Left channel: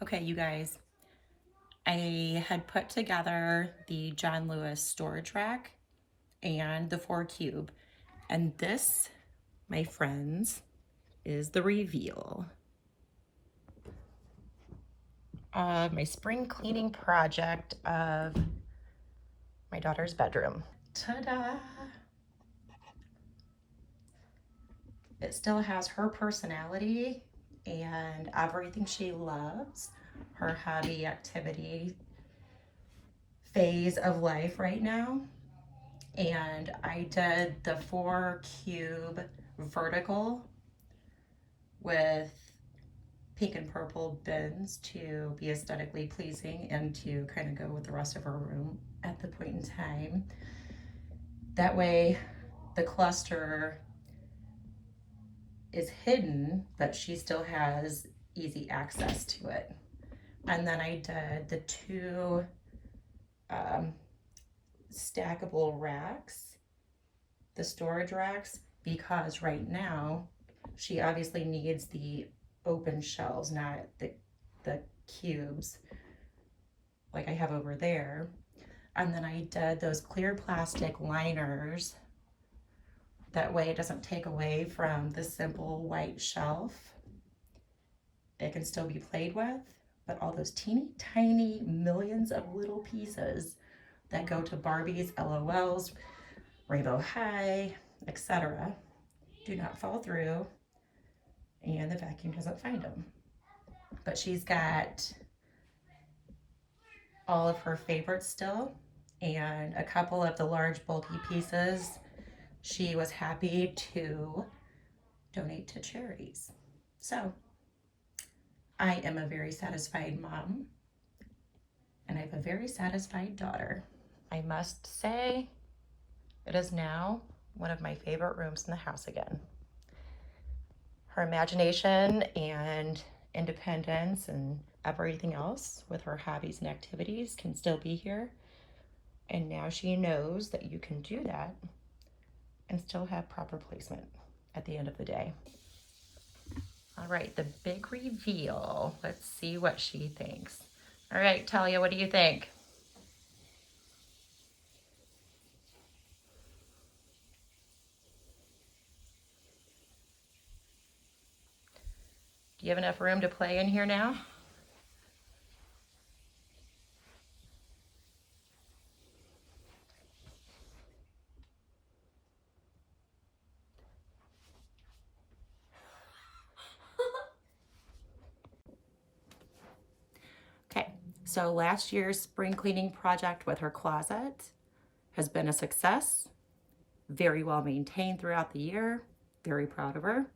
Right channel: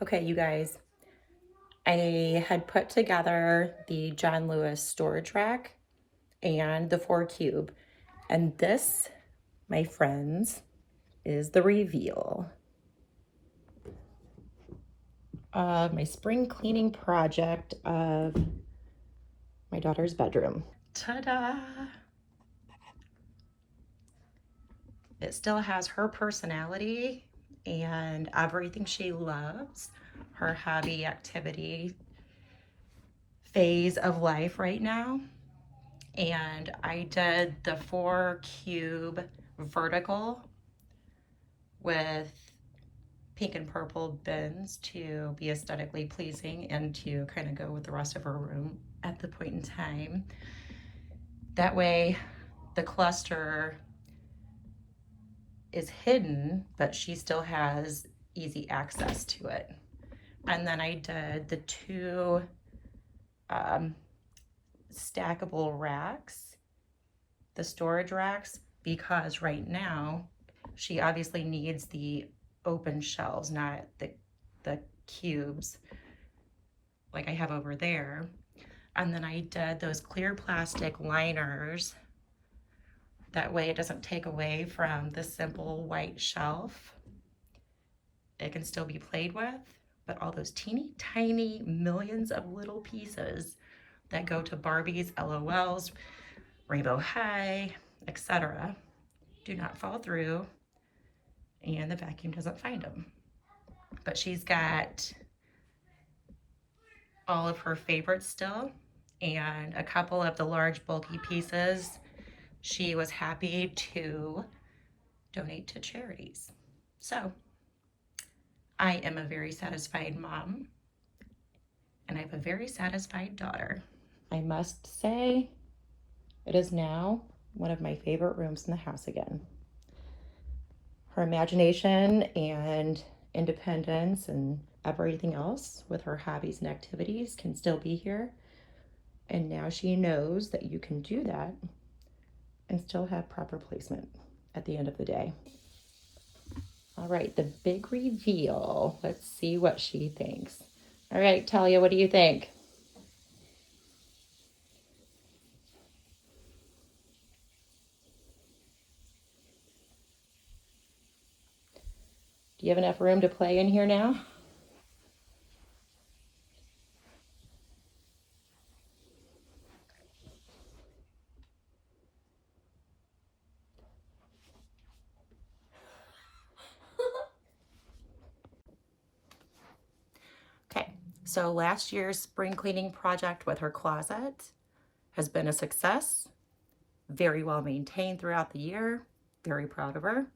Okay, you guys, I had put together the John Lewis storage rack and the 4 cube. And this, my friends, is the reveal. My spring cleaning project of my daughter's bedroom. Ta-da! It still has her personality and everything she loves, her hobby activity phase of life right now. And I did the 4 cube vertical with pink and purple bins to be aesthetically pleasing and to kind of go with the rest of her room at the point in time. That way the cluster is hidden, but she still has easy access to it. And then I did the 2 stackable racks, the storage racks, because right now she obviously needs the open shelves, not the cubes like I have over there. And then I did those clear plastic liners. That way it doesn't take away from the simple white shelf. It can still be played with, but all those teeny tiny millions of little pieces that go to Barbie's, LOLs, Rainbow High, etc. do not fall through and the vacuum doesn't find them. But she's got all of her favorites still and a couple of the large bulky pieces she was happy to donate to charities. So I am a very satisfied mom and I have a very satisfied daughter. I must say it is now one of my favorite rooms in the house again. Her imagination and independence and everything else with her hobbies and activities can still be here. And now she knows that you can do that and still have proper placement at the end of the day. All right, the big reveal. Let's see what she thinks. All right, Talia, what do you think? Do you have enough room to play in here now? Okay, so last year's spring cleaning project with her closet has been a success. Very well maintained throughout the year. Very proud of her.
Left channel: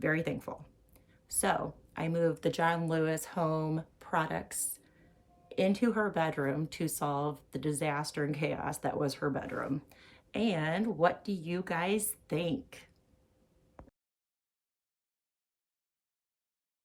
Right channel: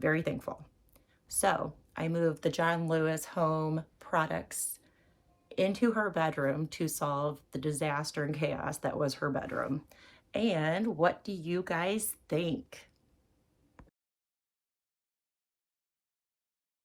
Very thankful. So I moved the John Lewis home products into her bedroom to solve the disaster and chaos that was her bedroom. And what do you guys think?